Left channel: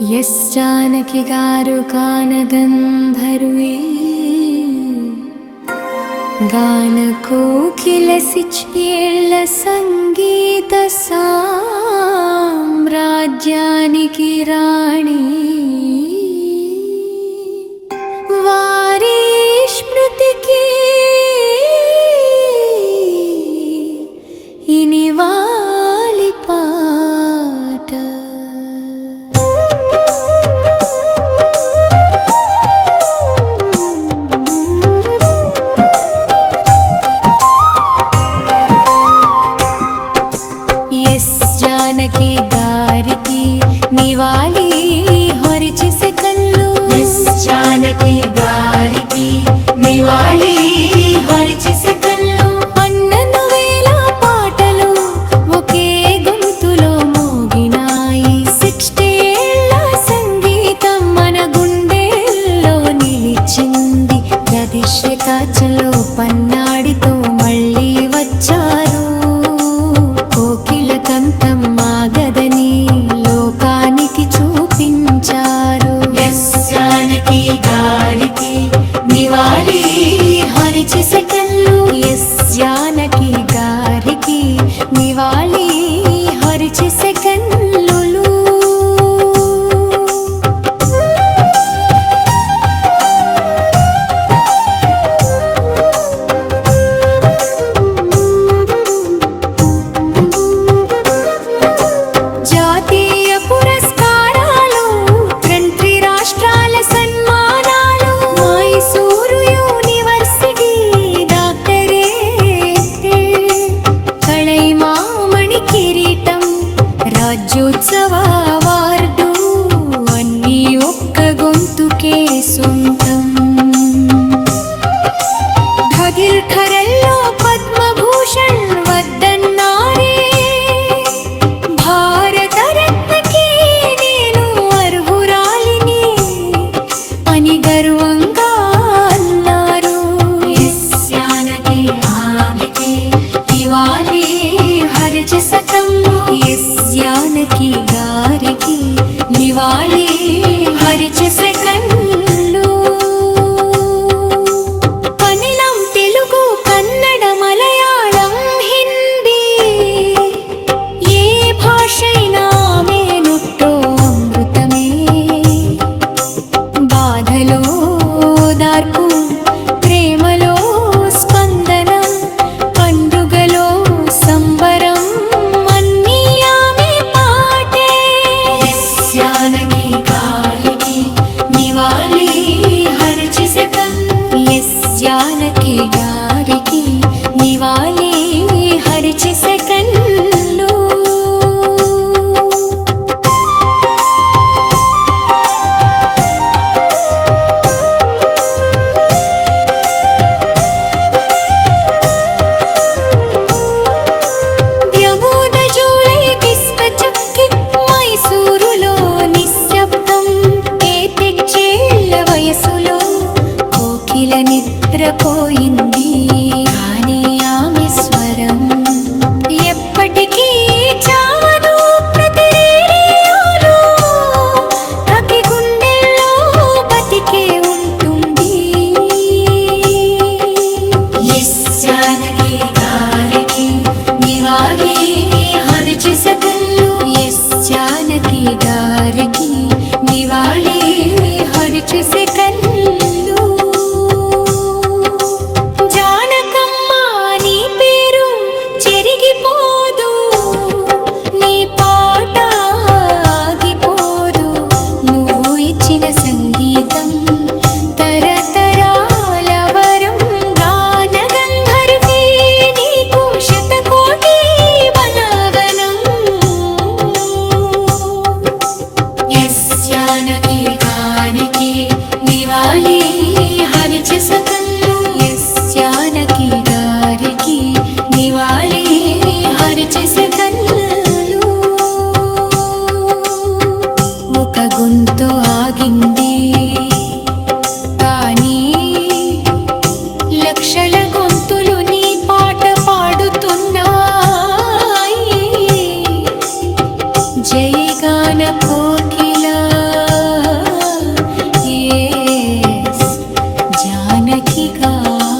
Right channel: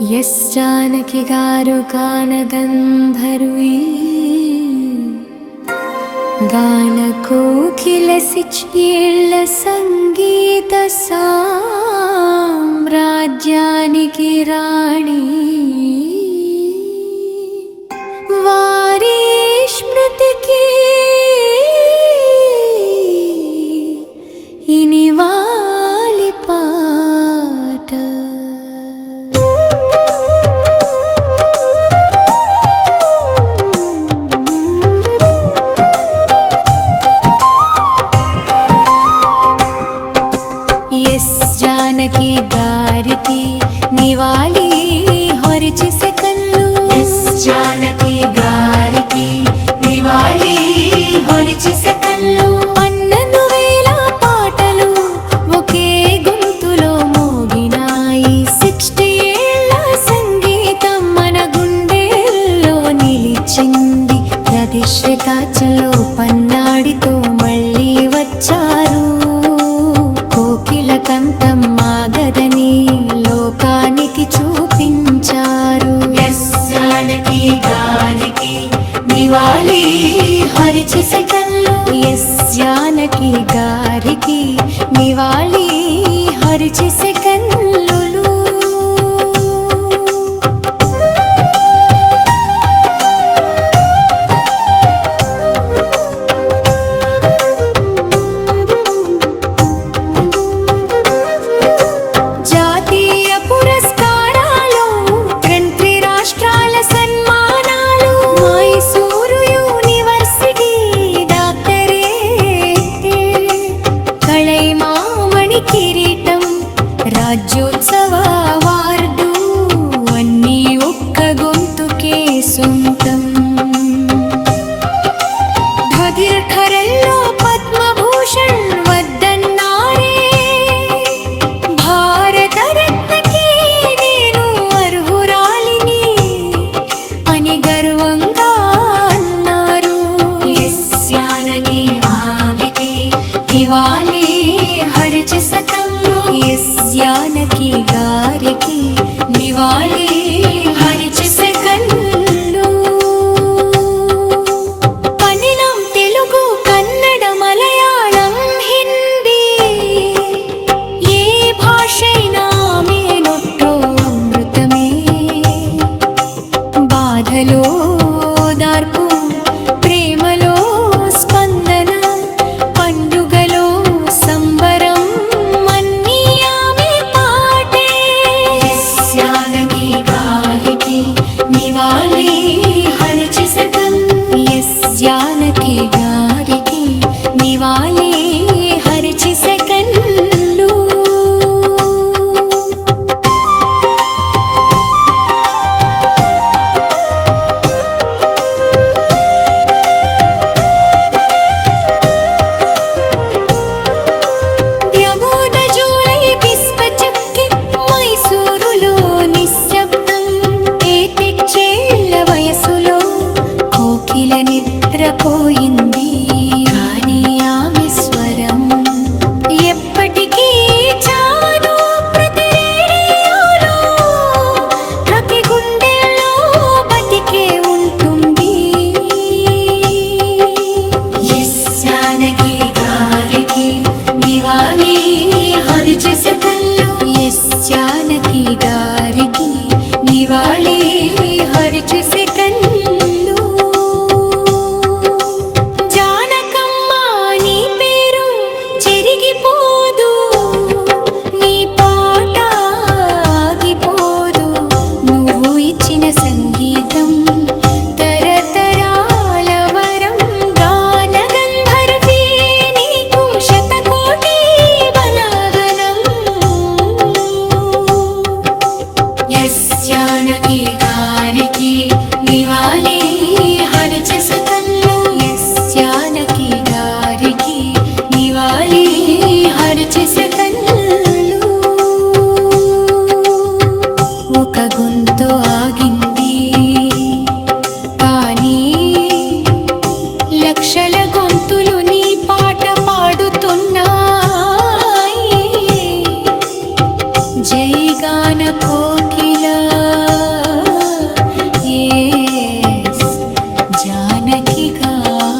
Yes Janaki గారు గానగంధర్వీ గాన కోకిలసిచ్చేళ్ల సంగీత సామ్రాజ్యానికి రాణి వారి స్మృతికి ఇనివాలి పాట. ఎస్ జానకి గారికి నివాళి హరిచేసే కళ్ళు. ఎస్ జానకి గారికి నివాళి హరిచేసే కళ్ళు. అన్నను వేల పాటలు ఒకే గొంతులో మోగినాయి. 60 ఏళ్ల సంగీతం మన గుండెల్లో నిలిచింది. ప్రతిశ్రకాచలో పన్నాడితో మళ్ళీ వచ్చారు. కోకిల కంఠం మాగదని లోకానికి చూపించారు. ఎస్ జానకి గారికి నివాళి హరిచేసే కళ్ళు. ఎస్ జానకి గారికి నివాళి హరిచేసే కన్నులు. జాతీయ పురస్కారాలు, 2 రాష్ట్రాల సన్మానాలు, మైసూరు యూనివర్సిటీ డాక్టరేట్, కళైమామణి కిరీటం, రాజ్యోత్సవ అవార్డు అన్నీ ఒక్క గొంతుకే సొంతం. ఢగిల్ ఖరల్లో పద్మభూషణ్ వద్దన్నారే, భారతరత్నకి నేను అర్హురాలిని అని గర్వంగా అన్నారు. ఎస్ జానకి ఆవికి నివాళి హరిచేసే కళ్ళు. ఎస్ జానకి గారికి నివాళి హరిచేసే కళ్ళు. తమిళం, తెలుగు, కన్నడ, మలయాళం, హిందీ, ఏ భాషైనా ఆమె నొట్టో అమృతమే. బాధలో దార్పు, ప్రేమలో స్పందన, పండుగలో సంబరం అన్నీ ఆమె పాటే. ఎస్ జానకి గారికి నివాళి హరిచేసే కళ్ళు. ఎస్ జానకి గారికి నివాళి హరిచేసే కళ్ళు. ద్యమోద జూలై పిస్పచక్కి మైసూరులో నిశ్శబ్దం. ఏటెచ్చేళ్ల వయసులో కోకిల నిద్రపోయింది. కానీ ఆమె స్వరం ఎప్పటికీ చావదు. ప్రతి రేడియోలో ప్రతి గుండెల్లో బతికే ఉంటుంది. ఎస్ జానకి గారికి నివాళి హరిచేసే కళ్ళు. ఎస్ జానకి గారికి నివాళి హరిచేసే కళ్ళు. జానకమ్మ నీ పేరు చెరిగిపోదు, నీ పాట ఆగిపోదు. నువ్వు ఇచ్చిన సంగీతం తరతరాల వరం. గాన గంధర్వీ నీకు శతకోటి వందనం. ఎస్ జానకి గారికి నివాళి హరిచేసే కళ్ళు. ఎస్ జానకి గారికి నివాళి హరిచేసే కళ్ళు. ఒక గొంతు ఆగింది, కానీ లక్షల గొంతులు నీ పాట పాడుతున్నాయి. జై గాన గాన కోకిల ఎస్ జానకి గారు